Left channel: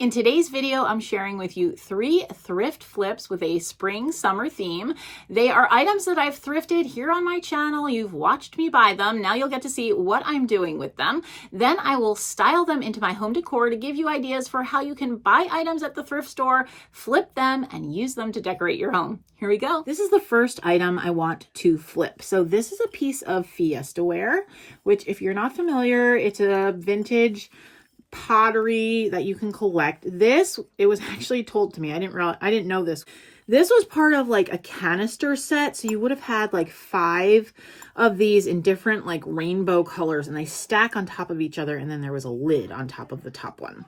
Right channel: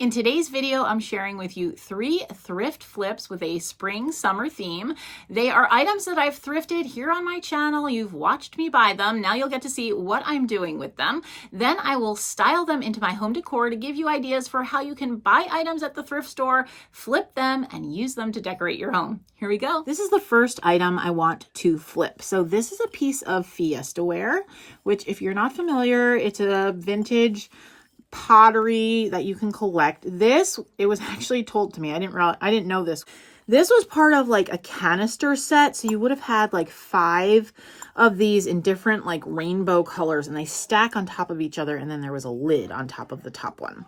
In today's video, I'm sharing with you 3 thrift flips with a spring-summer theme. They are items that I've thrifted here on my channel. You've watched me buy them. Now you'll get to see what I'm doing with them. Then I will style them into my home decor to give you ideas for how you can buy items at the thrift store, flip them, and use them to decorate your home. Here we go. This is the first item I want to flip. So this is a piece of Fiestaware, which if you're not familiar, it's a vintage pottery that you can collect. This, it was actually told to me, I didn't know this. This was part of like a canister set. So you would have had like 5 of these in different like rainbow colors, and they stack on top of each other. And then there was a lid on top of the top one.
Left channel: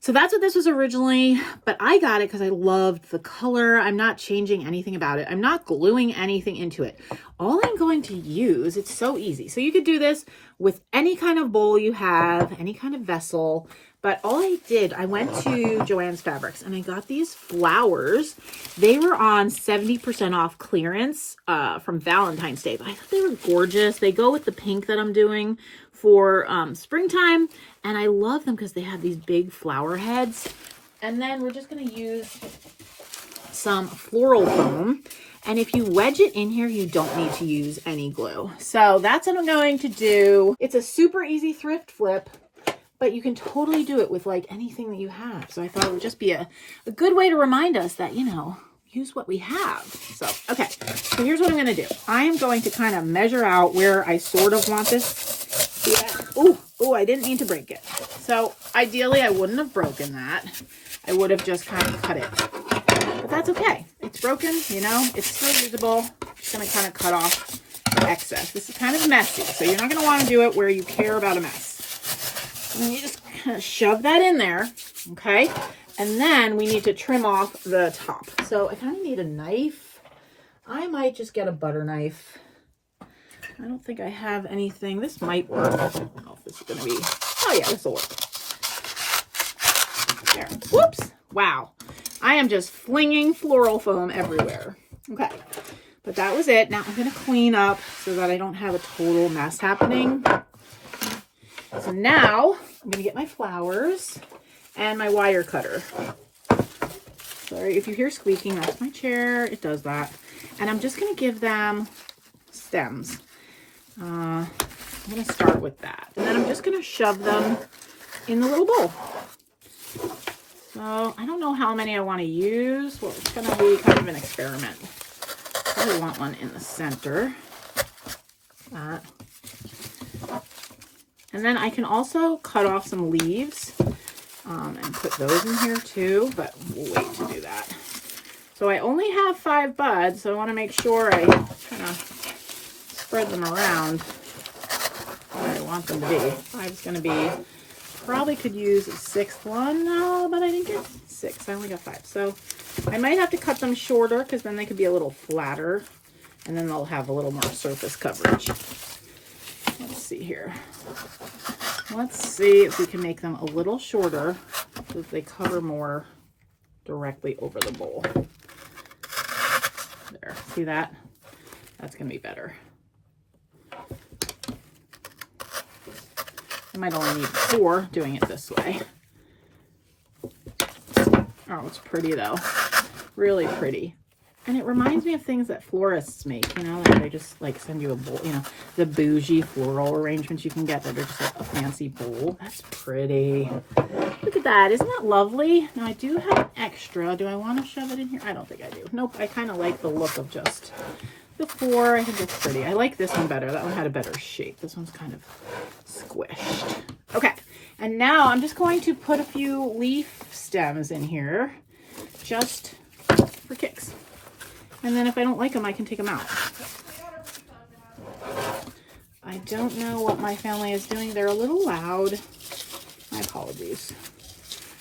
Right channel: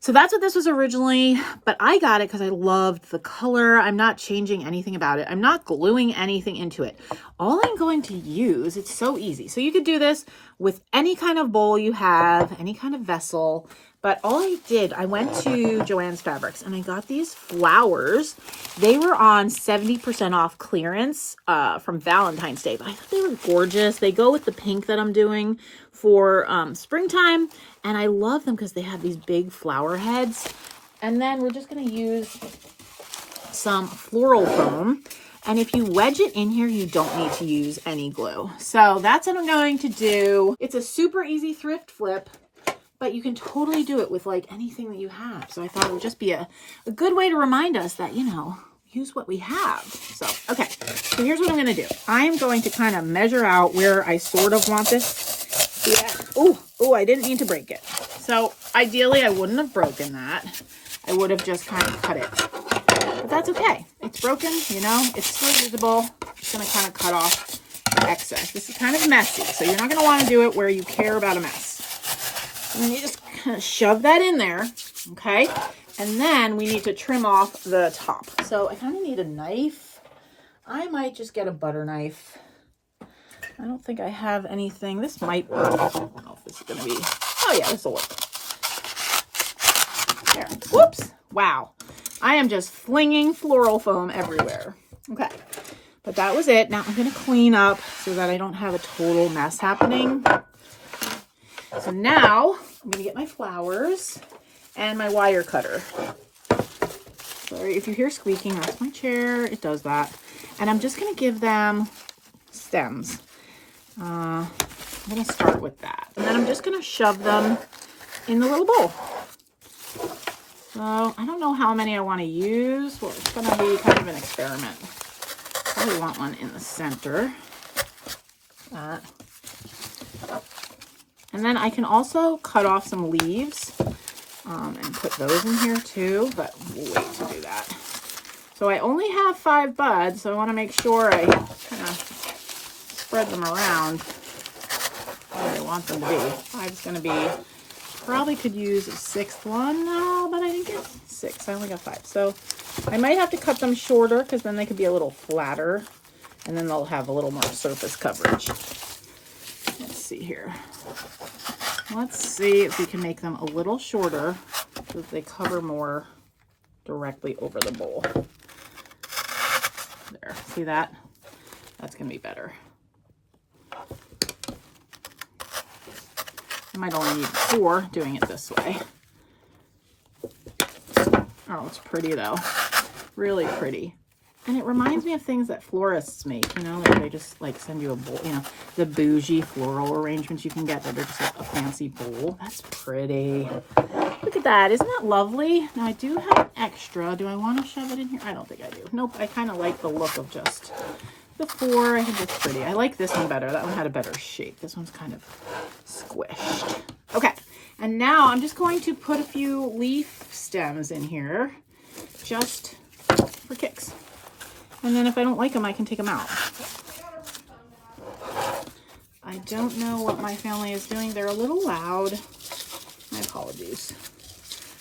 So that's what this was originally, but I got it because I loved the color. I'm not changing anything about it. I'm not gluing anything into it. All I'm going to use, it's so easy. So you could do this with any kind of bowl you have, any kind of vessel, but all I did, I went to Joann's Fabrics and I got these flowers. They were on 70% off clearance from Valentine's Day, but I thought they were gorgeous. They go with the pink that I'm doing for springtime, and I love them because they have these big flower heads. And then we're just going to use some floral foam. And if you wedge it in here, you don't need to use any glue. So that's what I'm going to do. It's a super easy thrift flip, but you can totally do it with like anything that you have. So I thought it would just be a good way to remind us that, you know, use what we have. So, okay. So here's what I'm going to do. I am going to kind of measure out where I sort of want this. Oh, I didn't mean to break it. So ideally I wouldn't have broken that. I would have just kind of cut it. But that's okay. It's broken, you know, it's still usable. I'm just going to kind of cut off the excess. This is kind of messy, so you're not going to want to do it where you care about a mess. And then you just kind of shove that in there, okay? And then we need to trim off the top. So I kind of need a knife. I might just get a butter knife. I don't think I have anything. This might work. I don't know if this is going to be... Oh, yeah, this will work. There. Whoops. Wow. I am just flinging floral foam everywhere. Okay. But that was it. Now I'm going to clean up so that I don't have a total mess happening. So now I'm going to get my flowers and my wire cutter. Sorry if you hear squeaking. That's my chair. It does that. And I'm just going to give them stems. I'm going to start with that. And then I'm just going to shove them in the little bowl. So I don't know how many I want to use. Well, it's going to be kind of an experiment. I want one in the center. And then I can also cut off some leaves and put those in here too, but we'll wait to do that. So I only have 5 buds, so I want to make sure I kind of spread them around where I want them to be. 5 is going to be, probably could use a 6th one, no, but I think it's 6. I only got 5. So I might have to cut them shorter because then they could be a little flatter and then they'll have a little more surface coverage. Let's see here. Let's see if we can make them a little shorter so that they cover more directly over the bowl. There, see that? That's going to be better. I might only need 4 doing it this way. Oh, it's pretty though. Really pretty. And it reminds me of things that florists make, you know, like they just like send you a bowl, you know, the bougie floral arrangements you can get that are just like a fancy bowl. That's pretty. Look at that. Isn't that lovely? Now I do have an extra. Do I want to shove it in here? I don't think I do. Nope. I kind of like the look of just the 4. I think it's pretty. I like this one better. That one had a better shape. This one's kind of squished. Okay. And now I'm just going to put a few leaf stems in here just for kicks. And then if I don't like them, I can take them out. I don't know what my family is doing. They're a little loud. My apologies.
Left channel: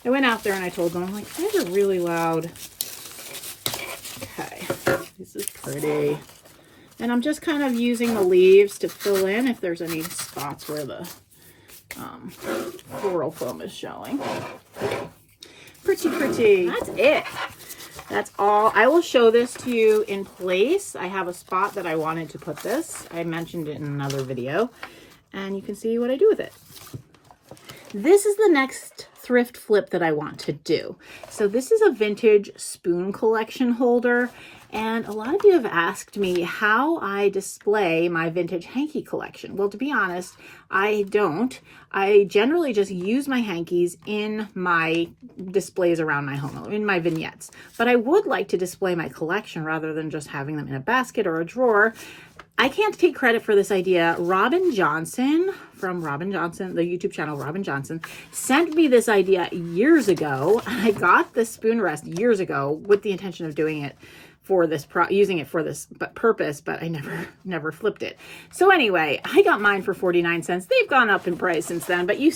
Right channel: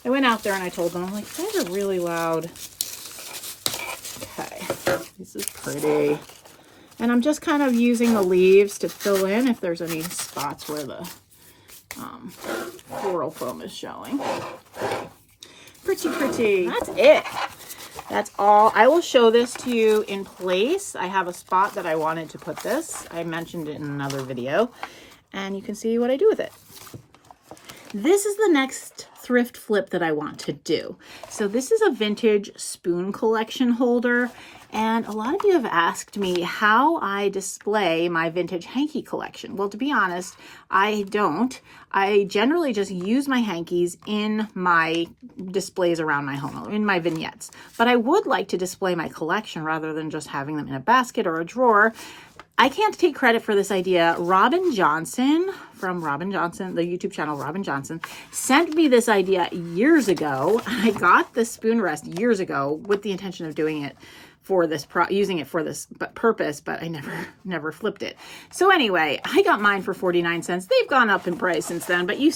I went out there and I told them, I'm like, you guys are really loud. Okay, this is pretty. And I'm just kind of using the leaves to fill in if there's any spots where the floral foam is showing. Pretty, pretty. That's it. That's all. I will show this to you in place. I have a spot that I wanted to put this. I mentioned it in another video, and you can see what I do with it. This is the next thrift flip that I want to do. So this is a vintage spoon collection holder. And a lot of you have asked me how I display my vintage hanky collection. Well, to be honest, I don't. I generally just use my hankies in my displays around my home, in my vignettes. But I would like to display my collection rather than just having them in a basket or a drawer. I can't take credit for this idea. Robin Johnson from Robin Johnson, the YouTube channel Robin Johnson, sent me this idea years ago. I got the spoon rest years ago with the intention of doing it for this, using it for this purpose, but I never flipped it. So anyway, I got mine for 49 cents. They've gone up in price since then, but you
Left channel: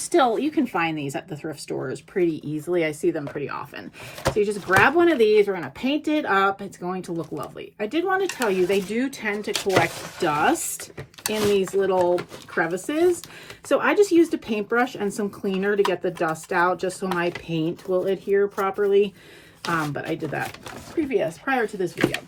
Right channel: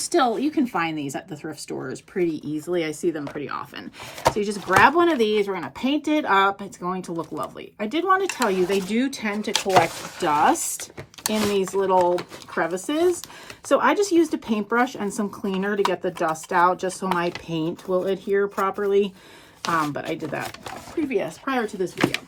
can find these at the thrift stores pretty easily. I see them pretty often. So you just grab one of these. We're going to paint it up. It's going to look lovely. I did want to tell you, they do tend to collect dust in these little crevices. So I just used a paintbrush and some cleaner to get the dust out, just so my paint will adhere properly. But I did that prior to this video.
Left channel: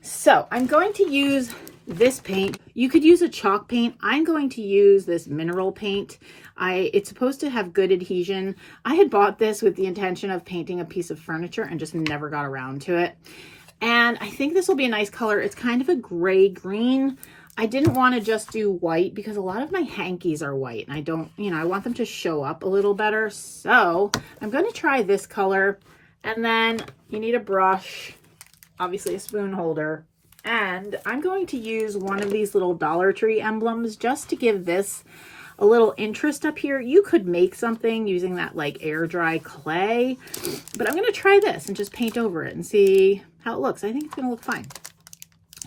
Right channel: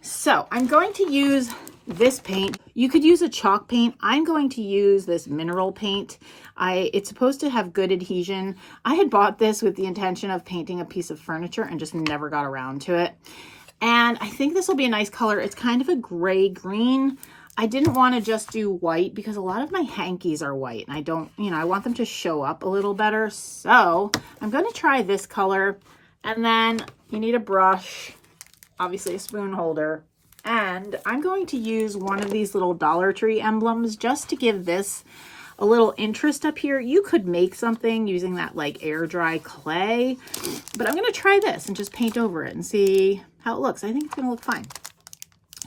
So I'm going to use this paint. You could use a chalk paint. I'm going to use this mineral paint. It's supposed to have good adhesion. I had bought this with the intention of painting a piece of furniture and just never got around to it. And I think this will be a nice color. It's kind of a gray green. I didn't want to just do white because a lot of my hankies are white and I don't, I want them to show up a little better. So I'm going to try this color. And then you need a brush, obviously a spoon holder, and I'm going to use one of these little Dollar Tree emblems just to give this a little interest up here. You could make something using that like air dry clay, but I'm going to try this and just paint over it and see how it looks. I think it's going to look fine.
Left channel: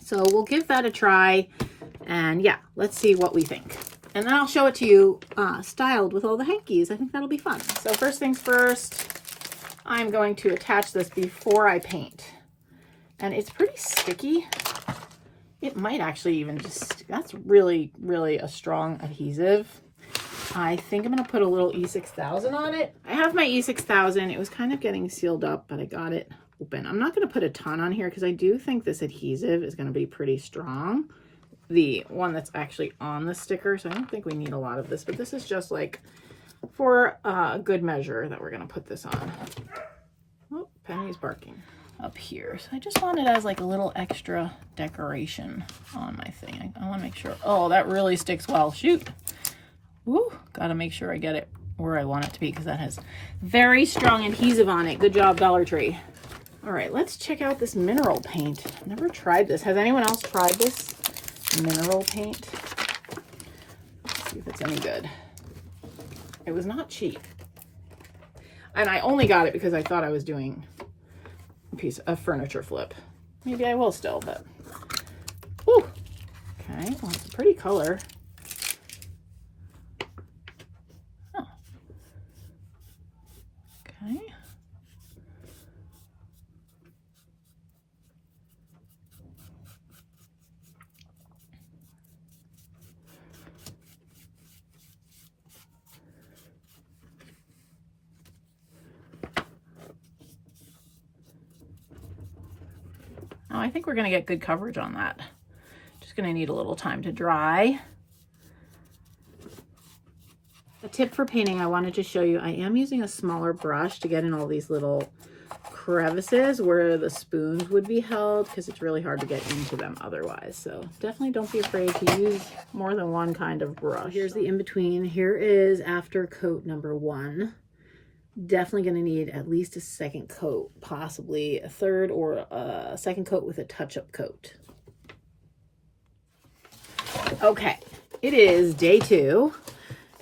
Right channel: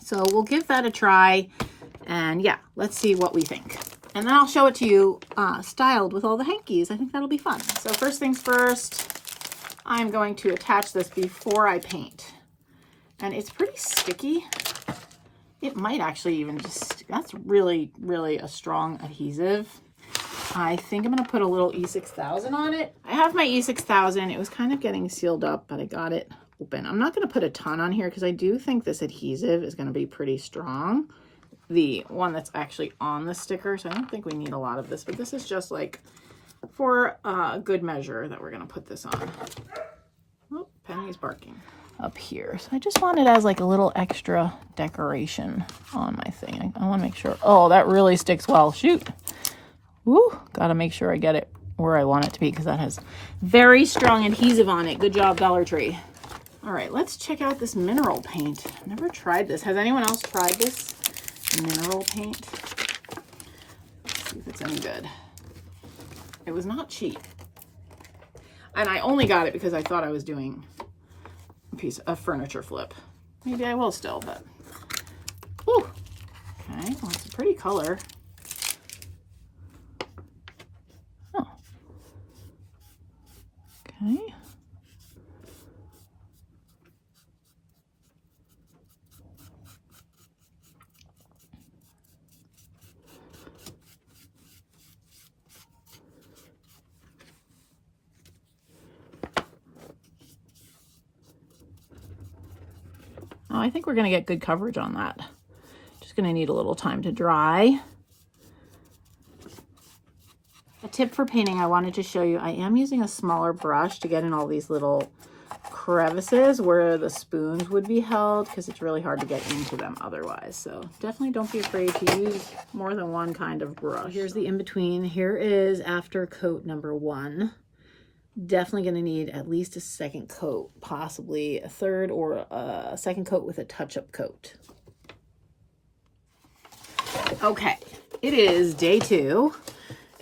So we'll give that a try, and yeah, let's see what we think. And then I'll show it to you styled with all the hankies. I think that'll be fun. So first things first, I'm going to attach this before I paint. And it's pretty sticky. It might actually even just, that's really, really a strong adhesive. I think I'm going to put a little E6000 on it. I have my E6000. It was kind of getting sealed up, but I got it open. I'm not going to put a ton on here because I do think this adhesive is going to be pretty strong. The one that's actually on the sticker. So I don't think we need a lot of this, but this is just like for a good measure that we're going to put this on. Oh, Penny's barking up here. So I just want it as like a little extra decoration on my thing. I want to make sure. Oh, that really sticks well. Shoot. Woo. Got to make sure I get it where I want it to be because that has very strong adhesive on it. Good job, Dollar Tree. All right, let's check out this mineral paint. I've never tried this. Has anyone else tried this mineral paint? Let's see if it's any good. It was not cheap. And I only got it because I thought I was doing a piece of furniture flip. Maybe I will still, but whew. Okay, well, it's a pretty color. Oh. Okay. Oh, I think we're going to get good coverage on that. Just going to need a little time to dry. A tip for painting I wanted to show you, I am using a smaller brush to get in all these little crevices where the spoons would be held because it's really hard to get into them otherwise. So definitely don't be afraid to use more than one kind of brush. Here's the in-between. Here is after coat number 1. Definitely going to need at least a second coat, possibly a third or a second coat with a touch-up coat. Okay, it is day 2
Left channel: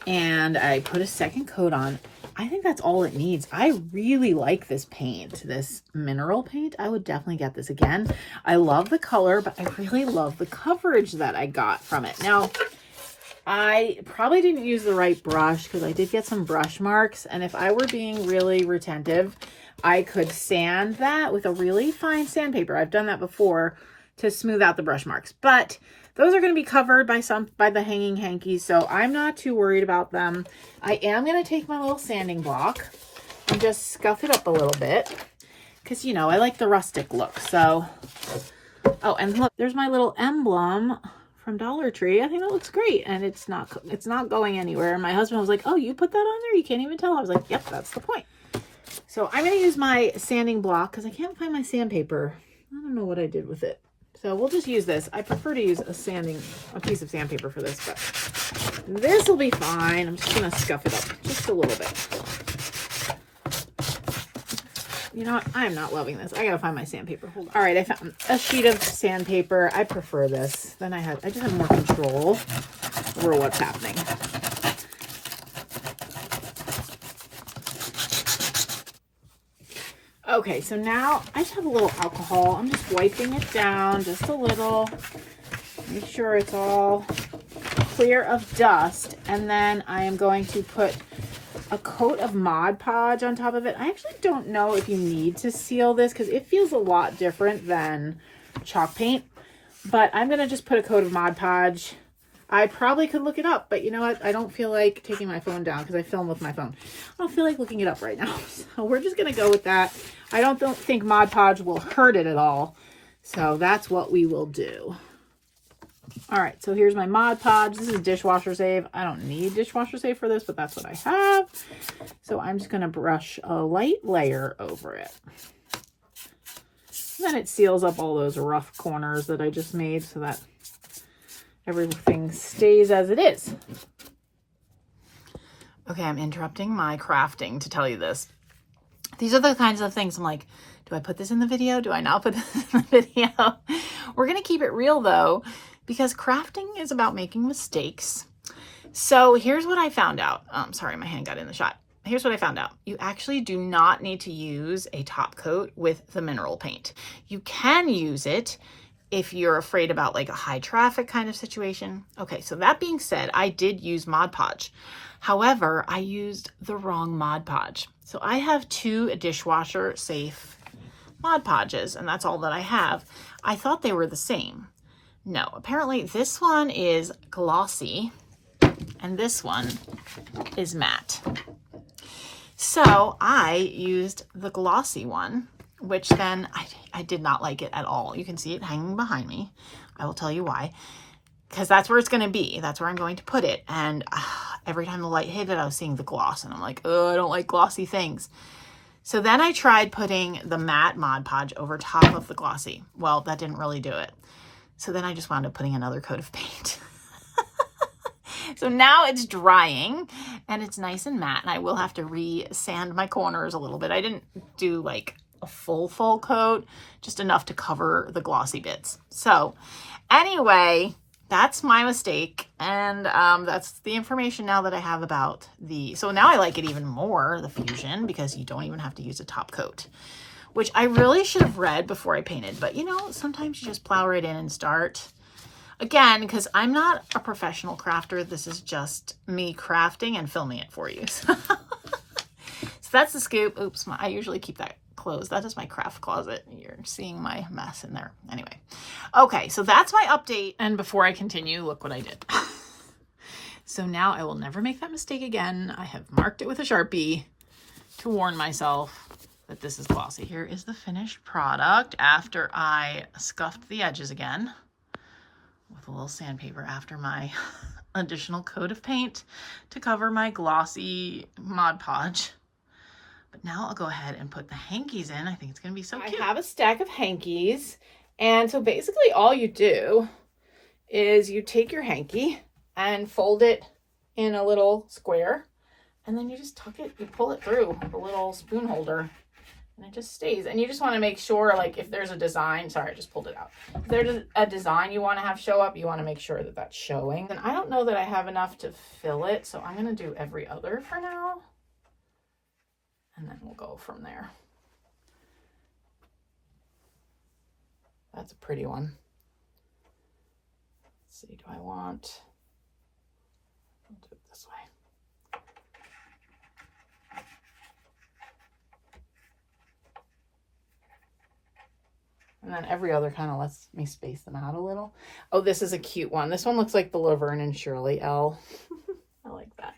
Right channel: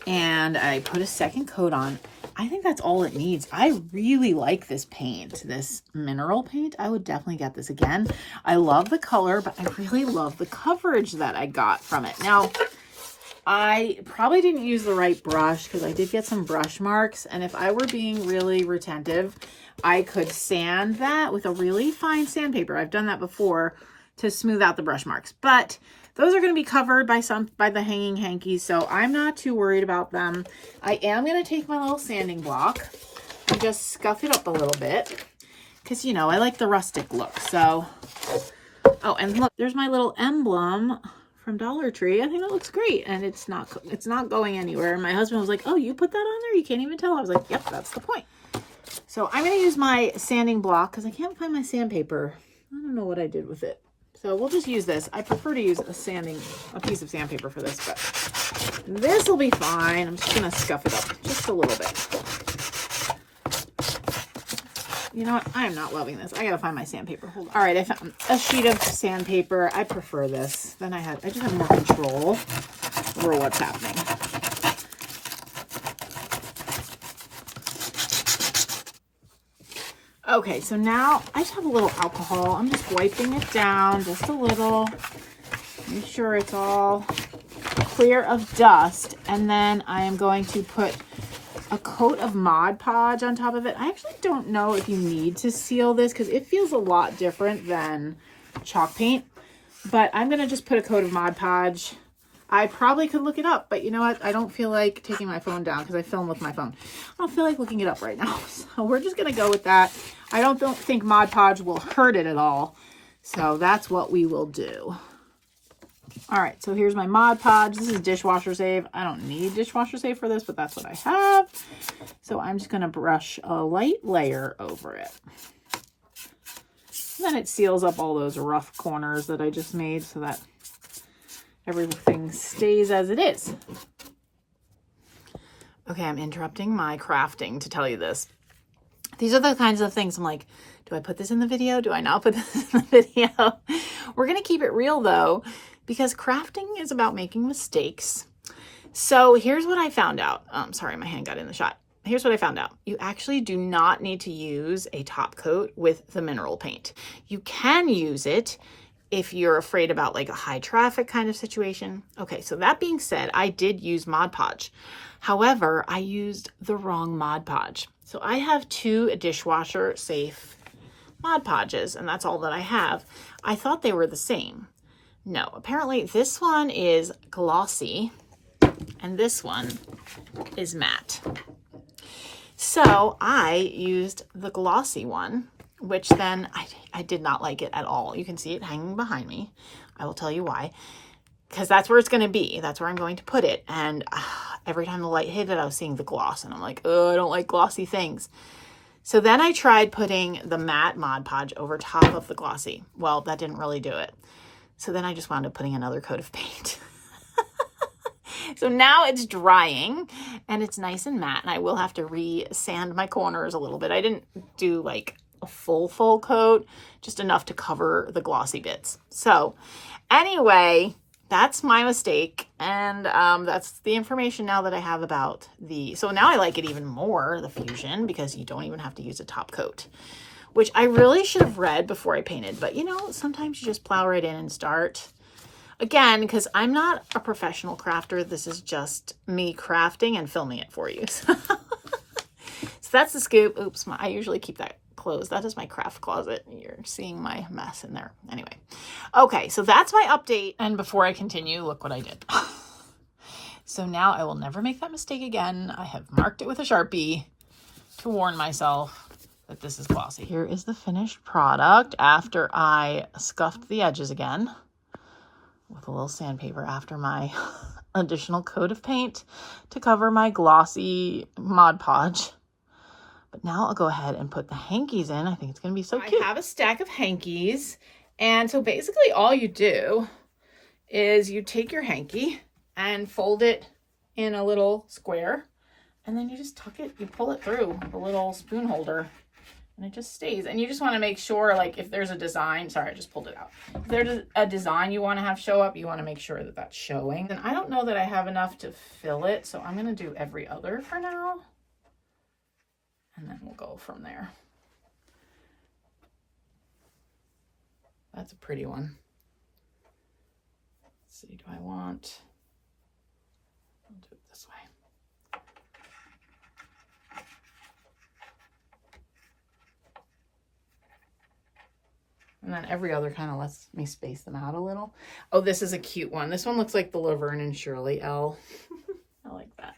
and I put a second coat on. I think that's all it needs. I really like this paint, this mineral paint. I would definitely get this again. I love the color, but I really love the coverage that I got from it. Now, I probably didn't use the right brush because I did get some brush marks. And if I were being really retentive, I could sand that with a really fine sandpaper. I've done that before to smooth out the brush marks. But those are going to be covered by the hanging hankies, so I'm not too worried about them. I am going to take my little sanding block and just scuff it up a little bit because, I like the rustic look. So, oh, and look, there's my little emblem from Dollar Tree. I think that looks great, and it's not going anywhere. My husband was like, oh, you put that on there? You can't even tell. I was like, yep, that's the point. So I'm going to use my sanding block because I can't find my sandpaper. I don't know what I did with it. So we'll just use this. I prefer to use a piece of sandpaper for this, but this will be fine. I'm just going to scuff it up just a little bit. You know what? I am not loving this. I gotta find my sandpaper. Hold on. All right, I found a sheet of sandpaper. I prefer this. Then I just have more control over what's happening. Okay, so now I just have a little alcohol. I'm just wiping it down just a little. Make sure it's all clear of dust. And then I am going to put a coat of Mod Podge on top of it. I actually don't know if you need to seal this because it feels a lot different than chalk paint, but I'm going to just put a coat of Mod Podge. I probably could look it up, but you know what? I don't feel like taking my phone down because I film with my phone. I don't feel like looking it up right now. So we're just going to go with that. I don't think Mod Podge will hurt it at all. So that's what we will do. All right, so here's my Mod Podge. This is dishwasher safe. I don't need dishwasher safe for this, but that's what I have. So I'm just going to brush a light layer over it. And then it seals up all those rough corners that I just made so that everything stays as it is. Okay, I'm interrupting my crafting to tell you this. These are the kinds of things I'm like, do I put this in the video? Do I not put this in the video? We're going to keep it real though, because crafting is about making mistakes. So here's what I found out. Sorry, my hand got in the shot. Here's what I found out. You actually do not need to use a top coat with the mineral paint. You can use it if you're afraid about like a high traffic kind of situation. Okay, so that being said, I did use Mod Podge. However, I used the wrong Mod Podge. So I have 2 dishwasher safe Mod Podges, and that's all that I have. I thought they were the same. No, apparently this one is glossy and this one is matte. So I used the glossy one, which then I did not like it at all. You can see it hanging behind me. I will tell you why. Because that's where it's going to be. That's where I'm going to put it. And every time the light hit it, I was seeing the gloss. And I'm like, oh, I don't like glossy things. So then I tried putting the matte Mod Podge over top of the glossy. Well, that didn't really do it. So then I just wound up putting another coat of paint. So now it's drying and it's nice and matte. And I will have to re-sand my corners a little bit. I didn't do like a full coat, just enough to cover the glossy bits. So anyway, that's my mistake. And that's the information now that I have about so now I like it even more, the Fusion, because you don't even have to use a top coat, which I really should have read before I painted. But you know, sometimes you just plow right in and start. Again, because I'm not a professional crafter, this is just me crafting and filming it for you. So that's the scoop. Oops, I usually keep that closed. That is my craft closet. You're seeing my mess in there. Anyway, okay, so that's my update. And before I continue, look what I did. So now I will never make that mistake again. I have marked it with a Sharpie to warn myself that this is glossy. Here is the finished product after I scuffed the edges again with a little sandpaper after my additional coat of paint to cover my glossy Mod Podge. But now I'll go ahead and put the hankies in. I think it's going to be so cute. I have a stack of hankies. And so basically all you do is you take your hanky and fold it in a little square. And then you just tuck it, you pull it through the little spoon holder. And it just stays. And you just want to make sure, like, if there's a design, sorry, I just pulled it out. If there's a design you want to have show up, you want to make sure that that's showing. And I don't know that I have enough to fill it, so I'm going to do every other for now. And then we'll go from there. That's a pretty one. Let's see, do I want... I'll do it this way. And then every other kind of lets me space them out a little. Oh, this is a cute one. This one looks like the Laverne and Shirley L. I like that.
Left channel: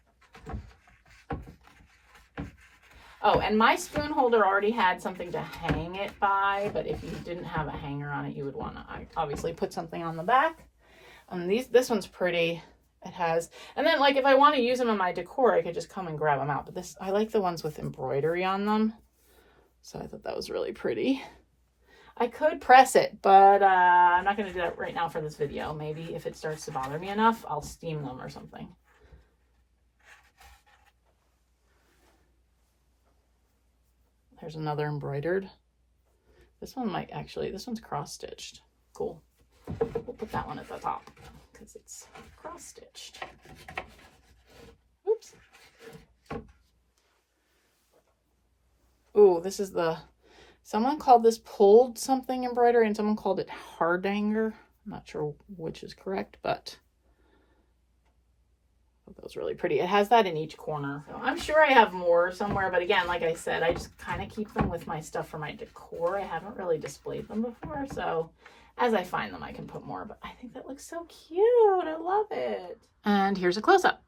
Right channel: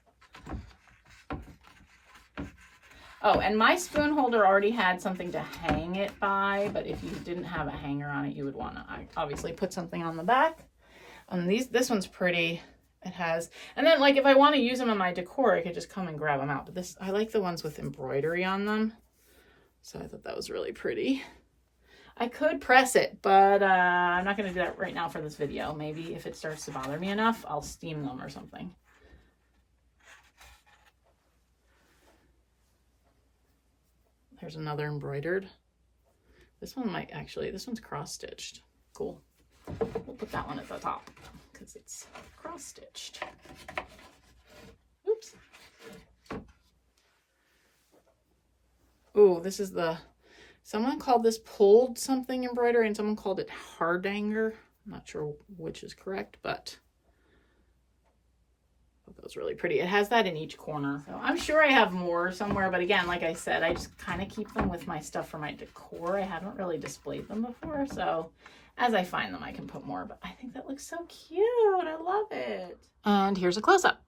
Oh, and my spoon holder already had something to hang it by, but if you didn't have a hanger on it, you would want to obviously put something on the back. And this one's pretty. It has, and then like if I want to use them in my decor, I could just come and grab them out. But I like the ones with embroidery on them. So I thought that was really pretty. I could press it, but I'm not going to do that right now for this video. Maybe if it starts to bother me enough, I'll steam them or something. There's another embroidered. This one's cross-stitched. Cool. We'll put that one at the top because it's cross-stitched. Oops. Oh, this is someone called this pulled something embroidery and someone called it hardanger. I'm not sure which is correct, but that was really pretty. It has that in each corner. So I'm sure I have more somewhere, but again, like I said, I just kind of keep them with my stuff for my decor. I haven't really displayed them before, so as I find them, I can put more, but I think that looks so cute. I love it. And here's a close-up.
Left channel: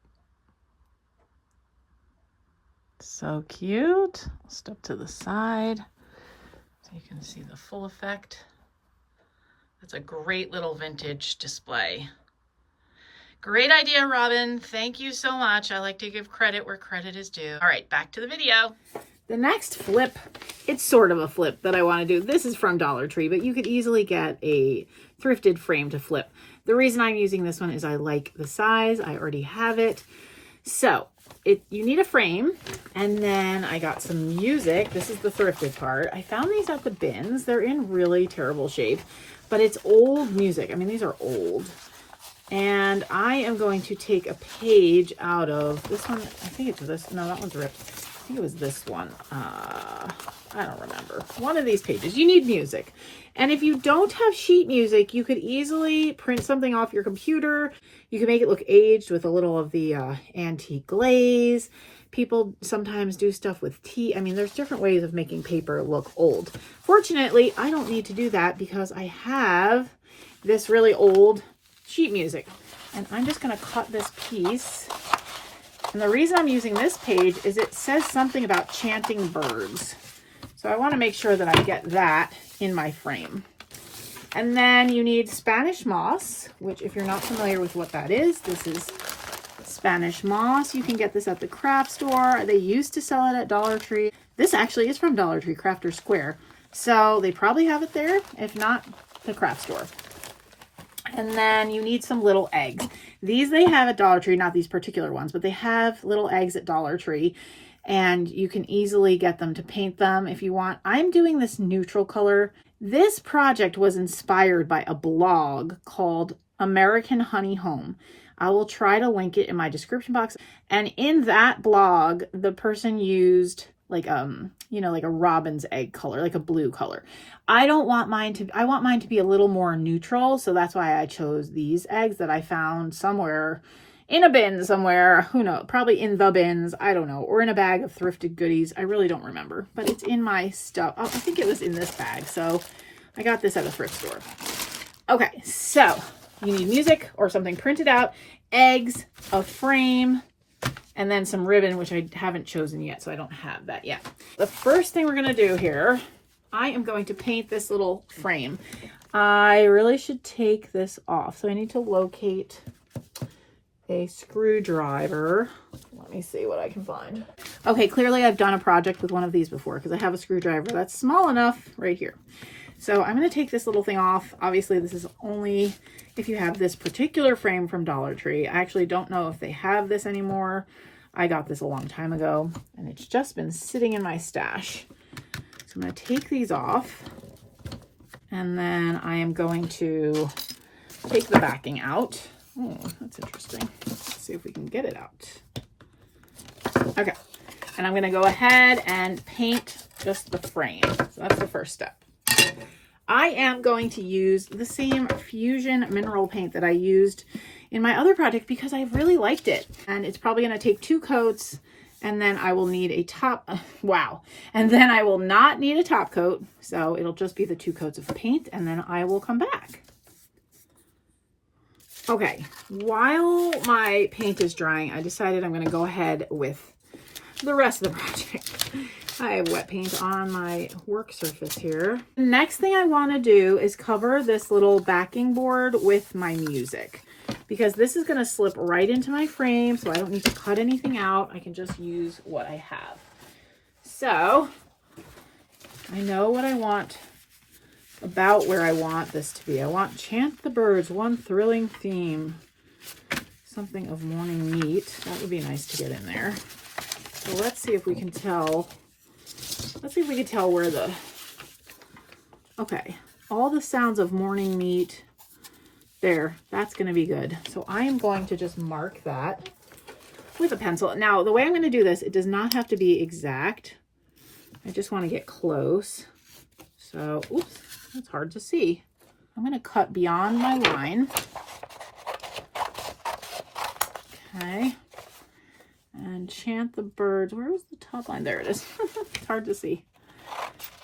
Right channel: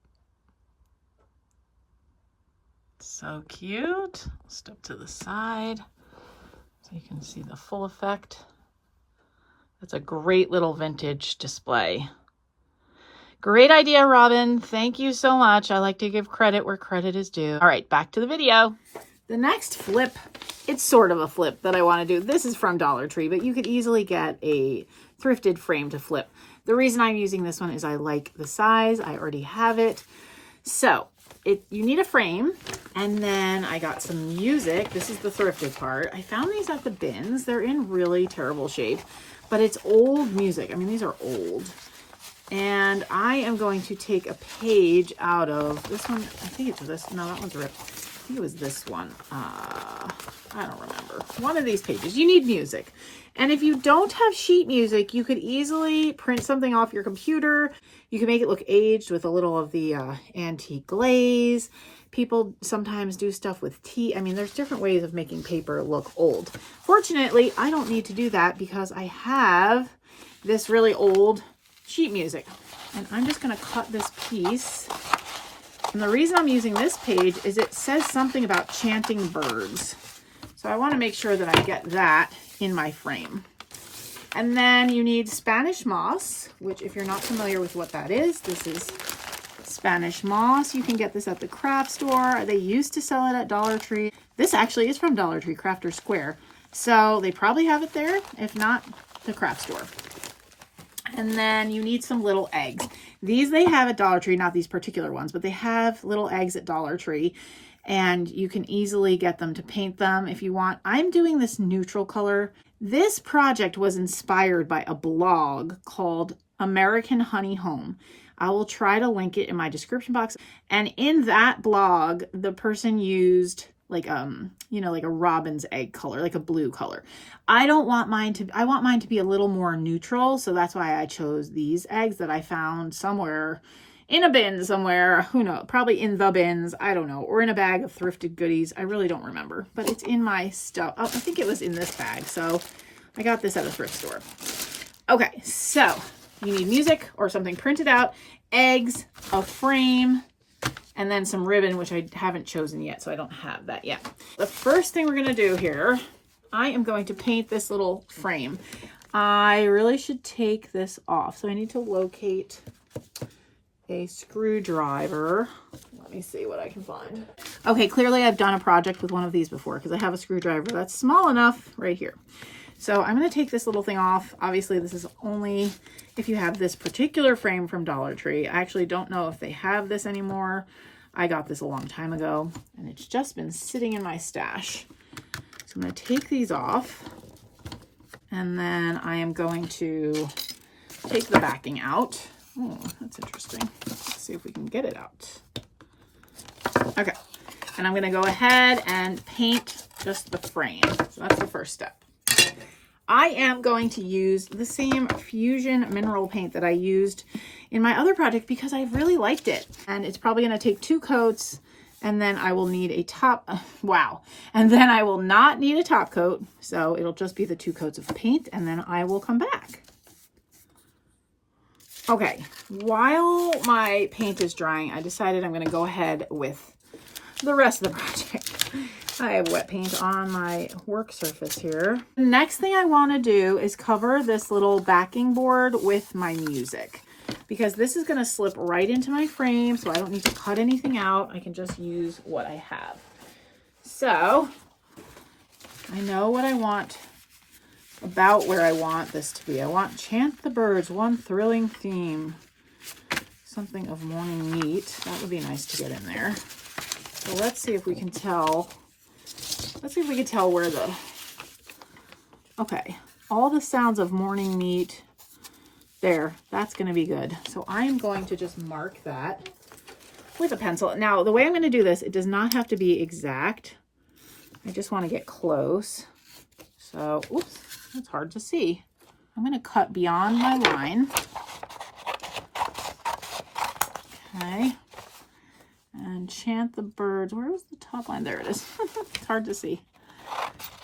So cute. I'll step to the side so you can see the full effect. That's a great little vintage display. Great idea, Robin. Thank you so much. I like to give credit where credit is due. All right, back to the video. The next flip, it's sort of a flip that I want to do. This is from Dollar Tree, but you could easily get a thrifted frame to flip. The reason I'm using this one is I like the size. I already have it. So you need a frame, and then I got some music. This is the thrifted part. I found these at the bins. They're in really terrible shape, but it's old music. I mean, these are old. And I am going to take a page out of this one. I think it's this. No, that one's ripped. I think it was this one. I don't remember. One of these pages. You need music. And if you don't have sheet music, you could easily print something off your computer. You can make it look aged with a little of the antique glaze. People sometimes do stuff with tea. I mean, there's different ways of making paper look old. Fortunately, I don't need to do that because I have this really old sheet music, and I'm just going to cut this piece. And the reason I'm using this page is it says something about chanting birds, so I want to make sure that I get that in my frame. And then you need Spanish moss, which if you're not familiar with what that is, this is Spanish moss. You can get this at the craft store. They used to sell it at Dollar Tree. This actually is from Dollar Tree, Crafter Square, so they probably have it there, if not the craft store. And then you need some little eggs. These they have at Dollar Tree, not these particular ones, but they have little eggs at Dollar Tree, and you can easily get them to paint them if you want. I'm doing this neutral color. This project was inspired by a blog called American Honey Home. I will try to link it in my description box. And in that blog, the person used like like a robin's egg color, like a blue color. I want mine to be a little more neutral, so that's why I chose these eggs that I found somewhere in a bin somewhere. Who knows? Probably in the bins, I don't know, or in a bag of thrifted goodies. I really don't remember, but it's in my stuff. Oh, I think it was in this bag, so I got this at a thrift store. Okay, so you need music or something printed out, eggs, a frame, and then some ribbon, which I haven't chosen yet, so I don't have that yet. The first thing we're going to do here, I am going to paint this little frame. I really should take this off, so I need to locate a screwdriver. Let me see what I can find. Okay, clearly I've done a project with one of these before because I have a screwdriver that's small enough right here. So I'm going to take this little thing off. Obviously, this is only if you have this particular frame from Dollar Tree. I actually don't know if they have this anymore. I got this a long time ago, and it's just been sitting in my stash. So I'm going to take these off, and then I am going to take the backing out. Oh, that's interesting. Let's see if we can get it out. Okay, and I'm going to go ahead and paint just the frame. So that's the first step. I am going to use the same Fusion mineral paint that I used in my other project because I really liked it. And it's probably going to take 2 coats, and then I will need a top, and then I will not need a top coat. So it'll just be the 2 coats of paint, and then I will come back. Okay, while my paint is drying, I decided I'm going to go ahead with the rest of the project. I have wet paint on my work surface here. Next thing I want to do is cover this little backing board with my music. because this is going to slip right into my frame, so I don't need to cut anything out. I can just use what I have. So I know what I want about where I want this to be. I want Chant the Birds, one thrilling theme. Something of morning meat. That would be nice to get in there. So let's see if we can tell. Let's see if we can tell where the... Okay. All the sounds of morning meat. There. That's going to be good. So I am going to just mark that with a pencil. Now, the way I'm going to do this, it does not have to be exact. I just want to get close. So, oops, that's hard to see. I'm going to cut beyond my line. Okay. And Chant the Birds. Where was the top line? There it is. It's hard to see.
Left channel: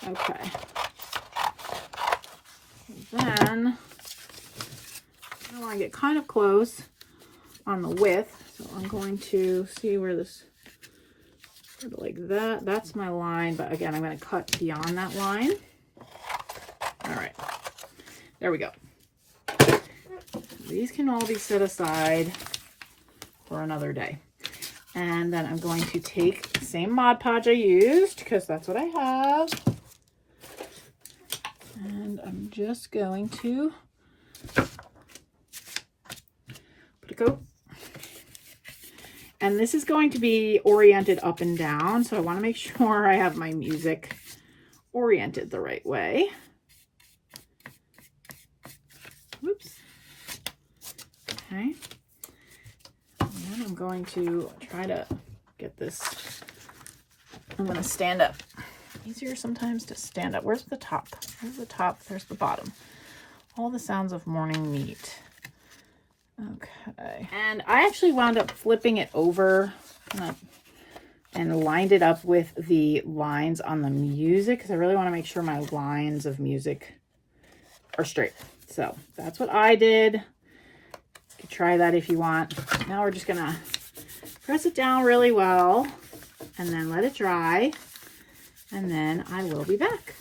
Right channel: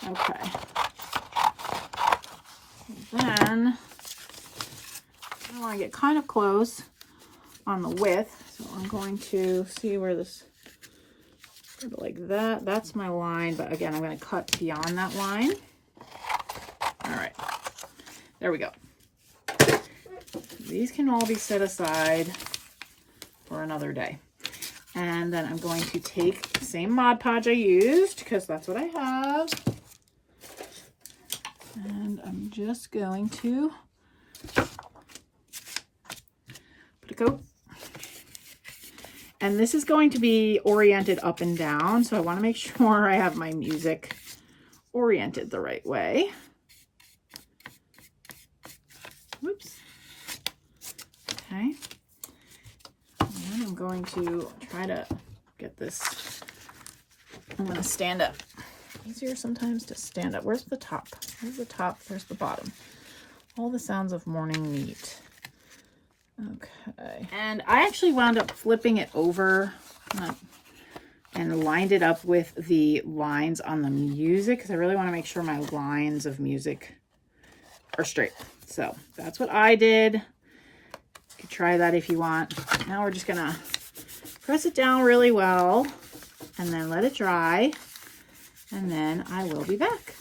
Okay. Then I want to get kind of close on the width. So I'm going to see where this, like that. That's my line. But again, I'm going to cut beyond that line. All right. There we go. These can all be set aside for another day. And then I'm going to take the same Mod Podge I used, because that's what I have. And I'm just going to put a coat. And this is going to be oriented up and down, so I want to make sure I have my music oriented the right way. Whoops. Okay. And then I'm going to try to get this. I'm going to stand up. Easier sometimes to stand up. Where's the top? Where's the top? There's the bottom. All the sounds of morning meat. Okay. And I actually wound up flipping it over and lined it up with the lines on the music, because I really want to make sure my lines of music are straight. So that's what I did. You could try that if you want. Now we're just going to press it down really well and then let it dry. And then I will be back.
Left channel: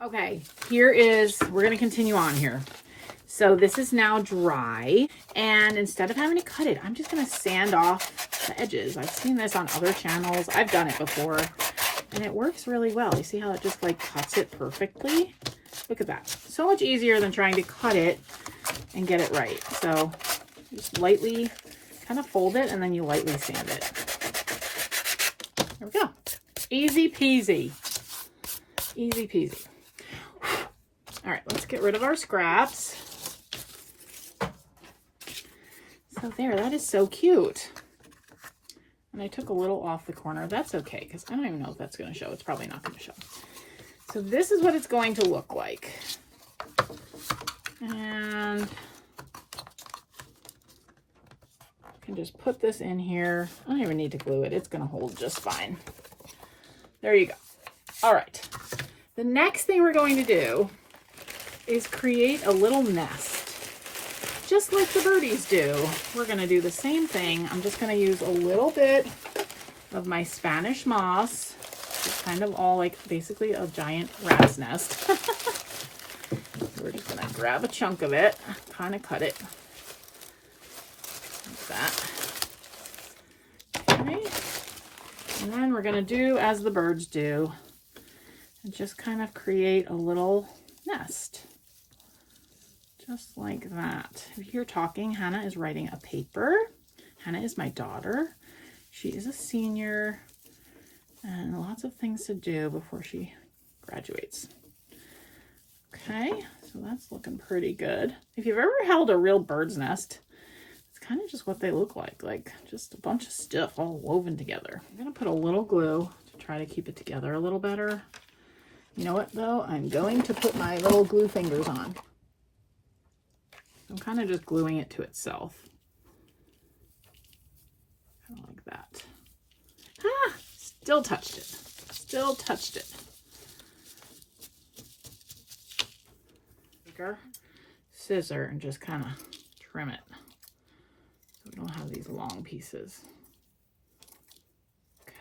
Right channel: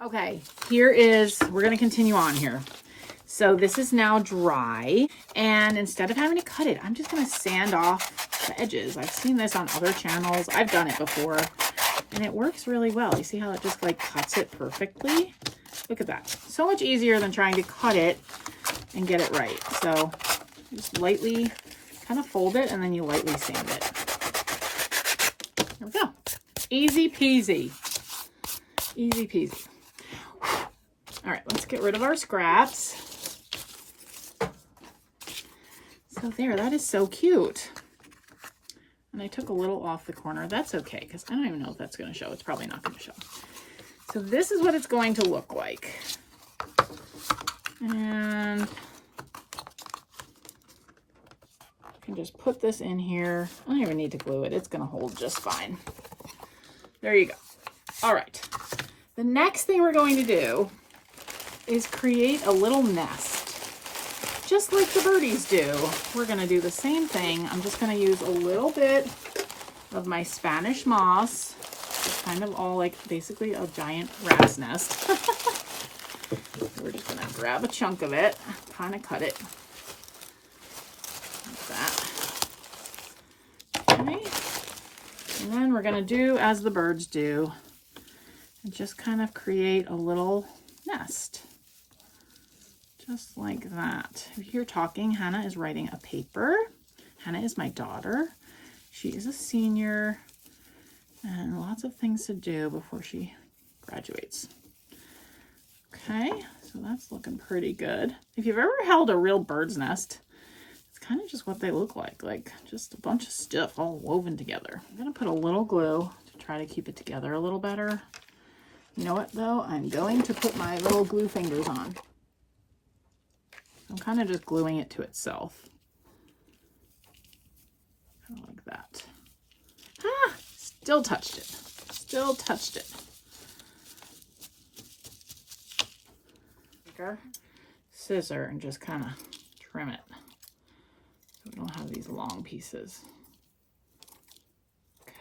Okay, we're going to continue on here. So this is now dry, and instead of having to cut it, I'm just going to sand off the edges. I've seen this on other channels. I've done it before, and it works really well. You see how it just like cuts it perfectly? Look at that. So much easier than trying to cut it and get it right. So just lightly kind of fold it, and then you lightly sand it. There we go. Easy peasy. Easy peasy. All right, let's get rid of our scraps. So there, that is so cute. And I took a little off the corner. That's okay, because I don't even know if that's going to show. It's probably not going to show. So this is what it's going to look like. And I can just put this in here. I don't even need to glue it. It's going to hold just fine. There you go. All right. The next thing we're going to do is create a little nest. Just like the birdies do. We're going to do the same thing. I'm just going to use a little bit of my Spanish moss. It's kind of all like basically a giant rat's nest. We're just going to grab a chunk of it, kind of cut it like that. Okay. And then we're going to do as the birds do and just kind of create a little nest. Just like that. If you're talking, Hannah is writing a paper. Hannah is my daughter. She is a senior and lots of things to do before she graduates. Okay, so that's looking pretty good. If you've ever held a real bird's nest, it's kind of just what they look like just a bunch of stuff all woven together. I'm gonna put a little glue to try to keep it together a little better. You know what though? I'm going to put my little glue fingers on. I'm kind of just gluing it to itself. Kind of like that. Ah, still touched it. Still touched it. Take our scissor and just kind of trim it. So we don't have these long pieces.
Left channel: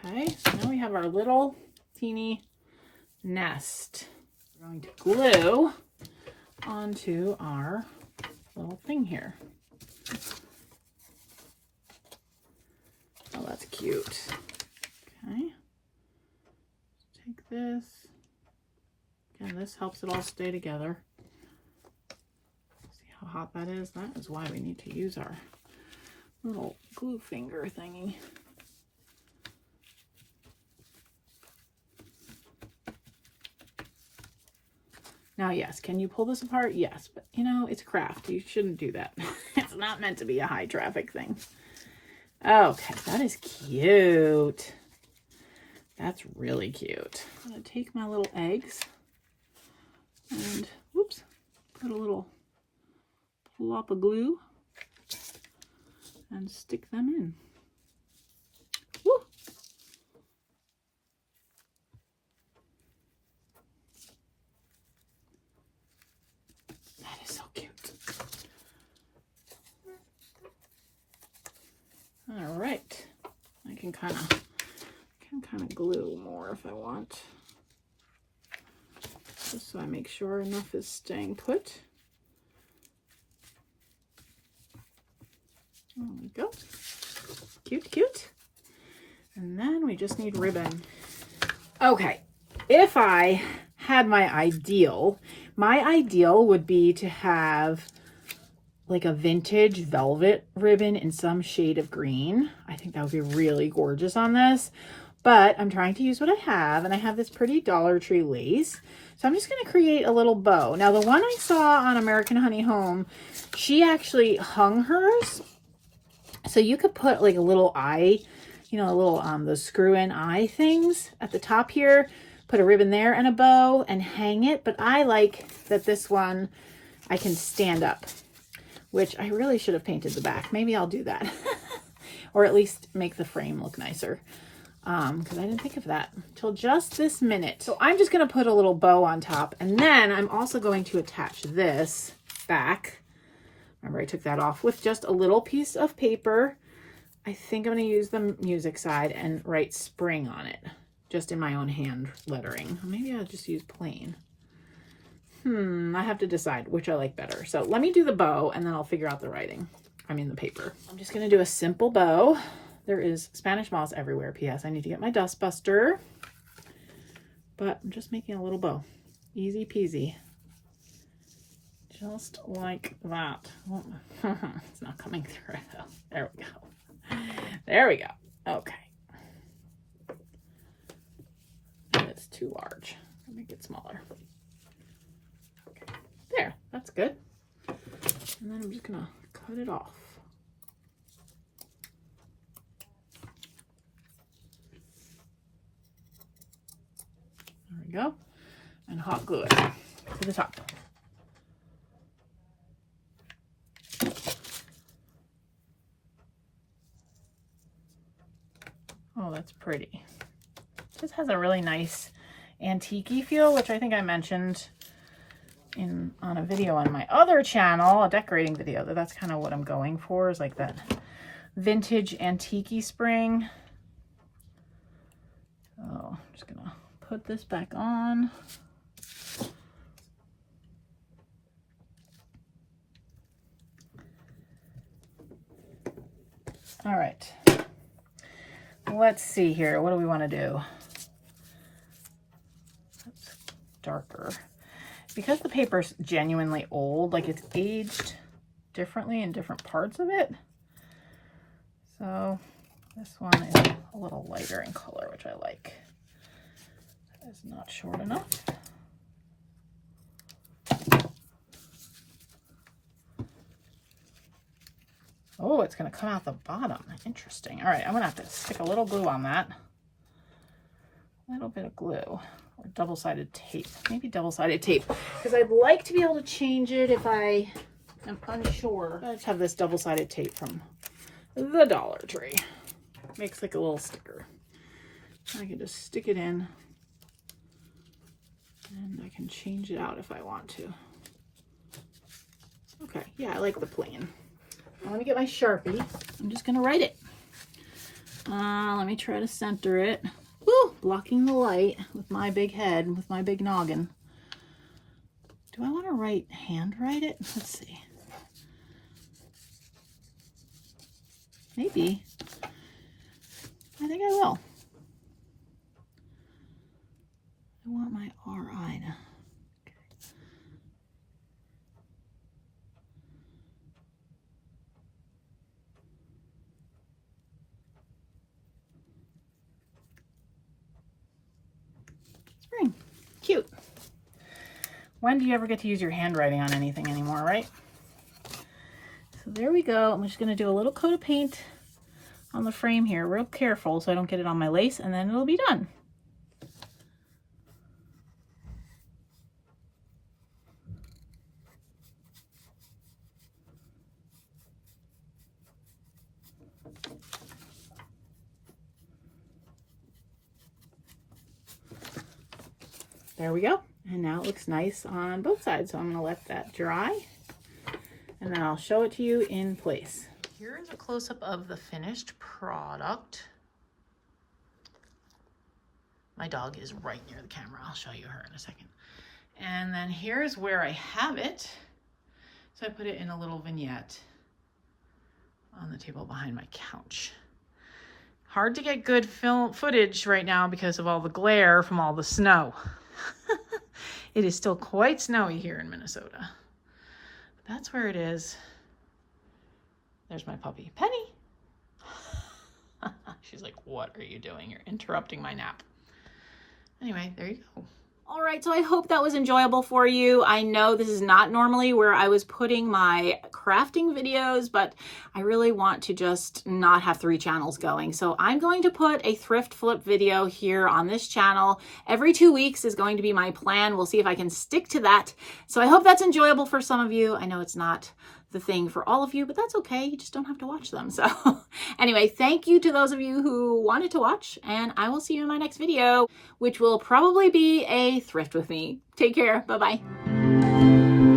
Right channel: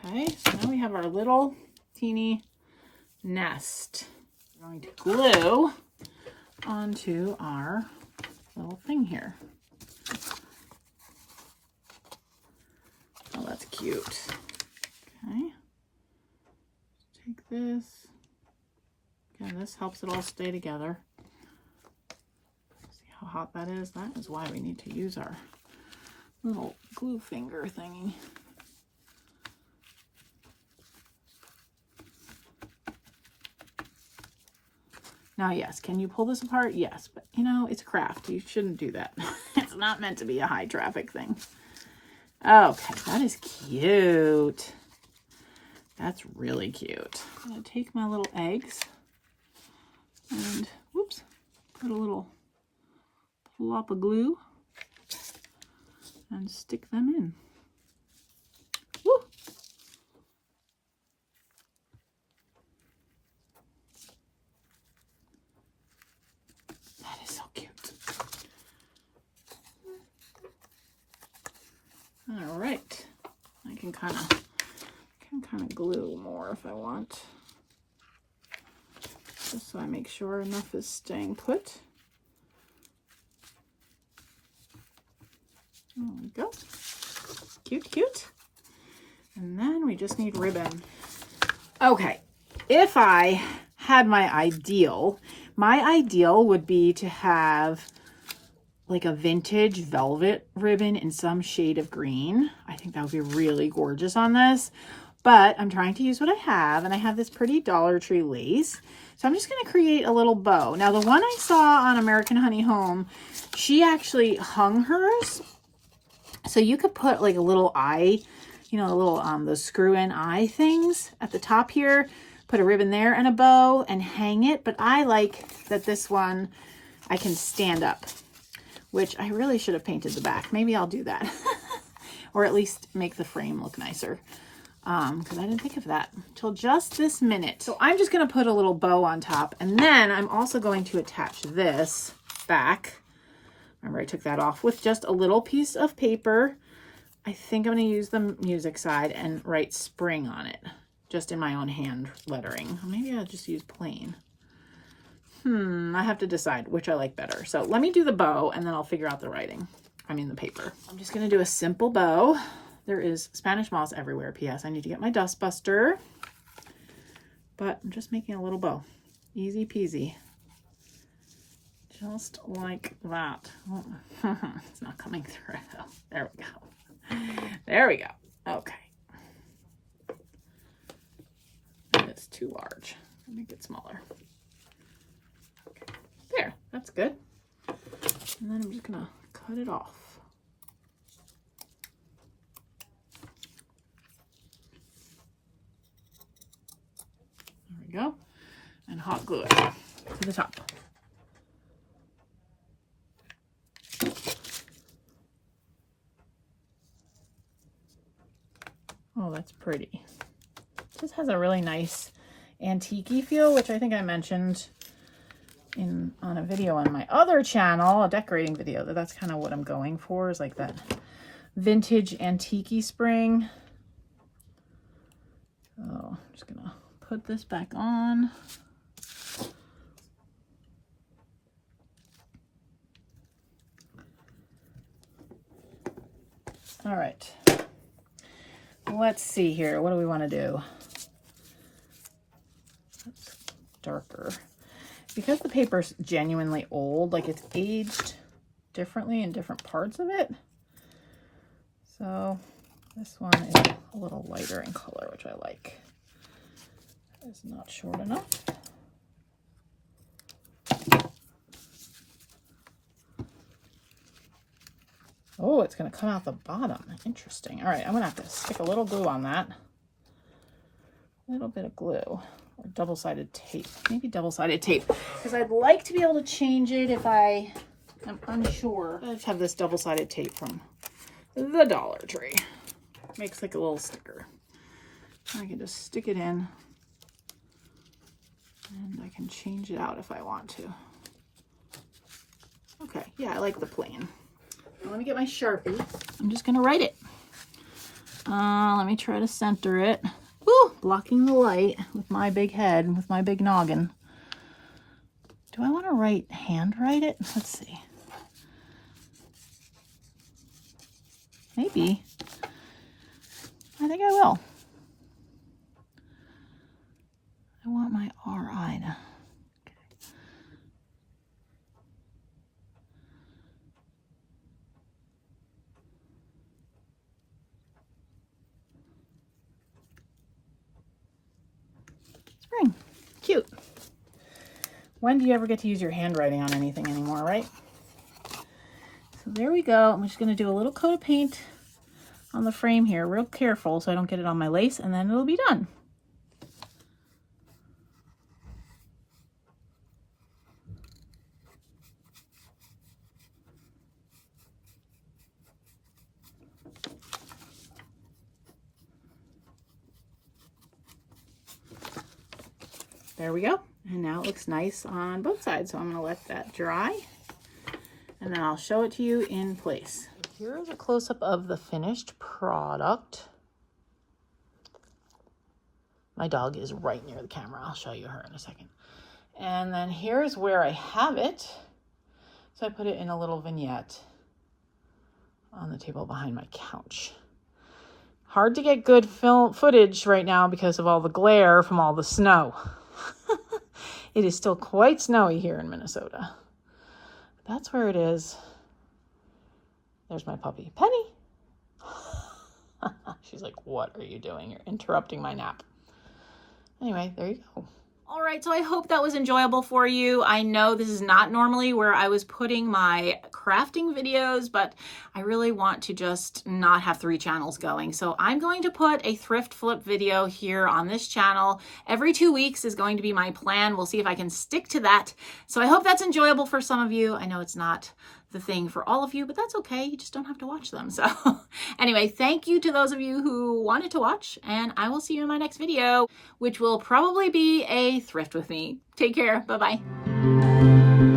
Okay, so now we have our little teeny nest. We're going to glue onto our little thing here. Oh, that's cute. Okay. Take this. Again, this helps it all stay together. See how hot that is? That is why we need to use our little glue finger thingy. Now, yes, can you pull this apart? Yes, but you know, it's a craft. You shouldn't do that. It's not meant to be a high traffic thing. Okay, that is cute. That's really cute. I'm gonna take my little eggs and, whoops, put a little plop of glue and stick them in. Woo! That is so cute. All right, I can kind of glue more if I want, just so I make sure enough is staying put. There we go. Cute, cute. And then we just need ribbon. Okay, if I had my ideal would be to have like a vintage velvet ribbon in some shade of green. I think that would be really gorgeous on this, but I'm trying to use what I have, and I have this pretty Dollar Tree lace. So I'm just going to create a little bow. Now, the one I saw on American Honey Home, she actually hung hers. So you could put like a little eye, you know, a little, those screw-in eye things at the top here, put a ribbon there and a bow and hang it. But I like that this one, I can stand up, which I really should have painted the back. Maybe I'll do that. Or at least make the frame look nicer. Because I didn't think of that until just this minute. So I'm just going to put a little bow on top, and then I'm also going to attach this back. Remember, I took that off with just a little piece of paper. I think I'm going to use the music side and write spring on it, just in my own hand lettering. Maybe I'll just use plain. I have to decide which I like better. So let me do the bow, and then I'll figure out the writing. I mean the paper. I'm just going to do a simple bow. There is Spanish moss everywhere. P.S. I need to get my dust buster. But I'm just making a little bow. Easy peasy. Just like that. Oh, it's not coming through though. There we go. There we go. Okay. It's too large. I'll make it smaller. Okay. There. That's good. And then I'm just going to cut it off. There we go. And hot glue it to the top. Oh, that's pretty. This has a really nice antique-y feel, which I think I mentioned on a video on my other channel, a decorating video. That's kind of what I'm going for, is like that vintage antique-y spring. So I'm just gonna put this back on. All right. Let's see here. What do we want to do? That's darker. Because the paper's genuinely old, like it's aged differently in different parts of it. So this one is a little lighter in color, which I like. That is not short enough. Oh, it's going to cut out the bottom. Interesting. All right, I'm going to have to stick a little glue on that. A little bit of glue or double-sided tape. Maybe double-sided tape, because I'd like to be able to change it if I am unsure. I just have this double-sided tape from the Dollar Tree. Makes like a little sticker. I can just stick it in, and I can change it out if I want to. Okay, yeah, I like the plain. I want to get my Sharpie. I'm just going to write it. Let me try to center it. Woo! Blocking the light with my big head, with my big noggin. Do I want to handwrite it? Let's see. I think I will. I want my RI to... Spring. Cute. When do you ever get to use your handwriting on anything anymore, right? So there we go. I'm just going to do a little coat of paint on the frame here, real careful so I don't get it on my lace, and then it'll be done. There we go. And now it looks nice on both sides. So I'm going to let that dry and then I'll show it to you in place. Here is a close-up of the finished product. My dog is right near the camera. I'll show you her in a second. And then here's where I have it. So I put it in a little vignette on the table behind my couch. Hard to get good film footage right now because of all the glare from all the snow. It is still quite snowy here in Minnesota. That's where it is. There's my puppy, Penny. She's like, what are you doing? You're interrupting my nap. Anyway, there you go. All right, so I hope that was enjoyable for you. I know this is not normally where I was putting my crafting videos, but I really want to just not have 3 channels going. So I'm going to put a thrift flip video here on this channel. Every 2 weeks is going to be my plan. We'll see if I can stick to that. So I hope that's enjoyable for some of you. I know it's not the thing for all of you, but that's okay. You just don't have to watch them. So anyway, thank you to those of you who wanted to watch, and I will see you in my next video, which will probably be a thrift with me. Take care. Bye-bye.